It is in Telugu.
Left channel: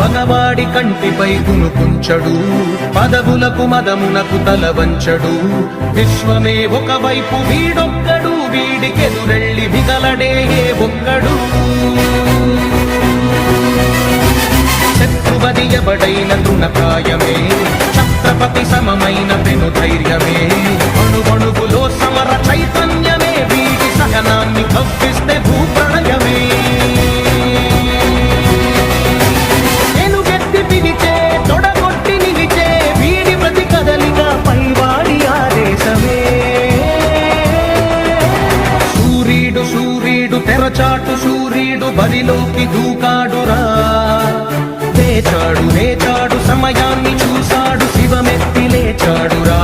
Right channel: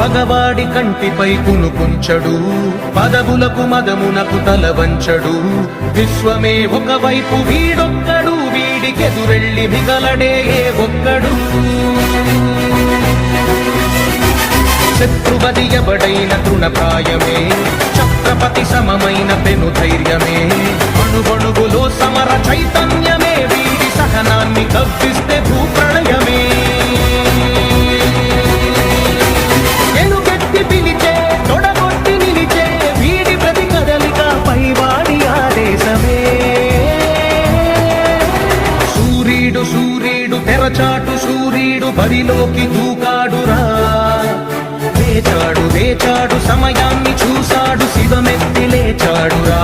పగవాడి కంటిపై కునుకుంచడు, పదవులకు మదమునకు తల వంచడు. విశ్వమే ఒకవైపు వీడొక్కడు, వీడికెదురెళ్ళి మిగలడే ఏ ఒక్కడు. శత్రువది ఎవడైన తృణప్రాయమే, ఛత్రపతి సమమైన పెను ధైర్యమే. అణువణువులో సమర చైతన్యమే, వీడి సహనాన్ని కవ్విస్తే భూప్రళయమే. ఎలుగెత్తి పిలిచే, తొడగొట్టి నిలిచే, వీడి ప్రతి కదలిక పైవాడి ఆదేశమే. సూర్యుడు సూర్యుడు తెరచాటు సూర్యుడు బరిలోకి దూకాడురా. వేచాడు వేచాడు సమయాన్ని చూశాడు, శివమెత్తి లేచాడురా.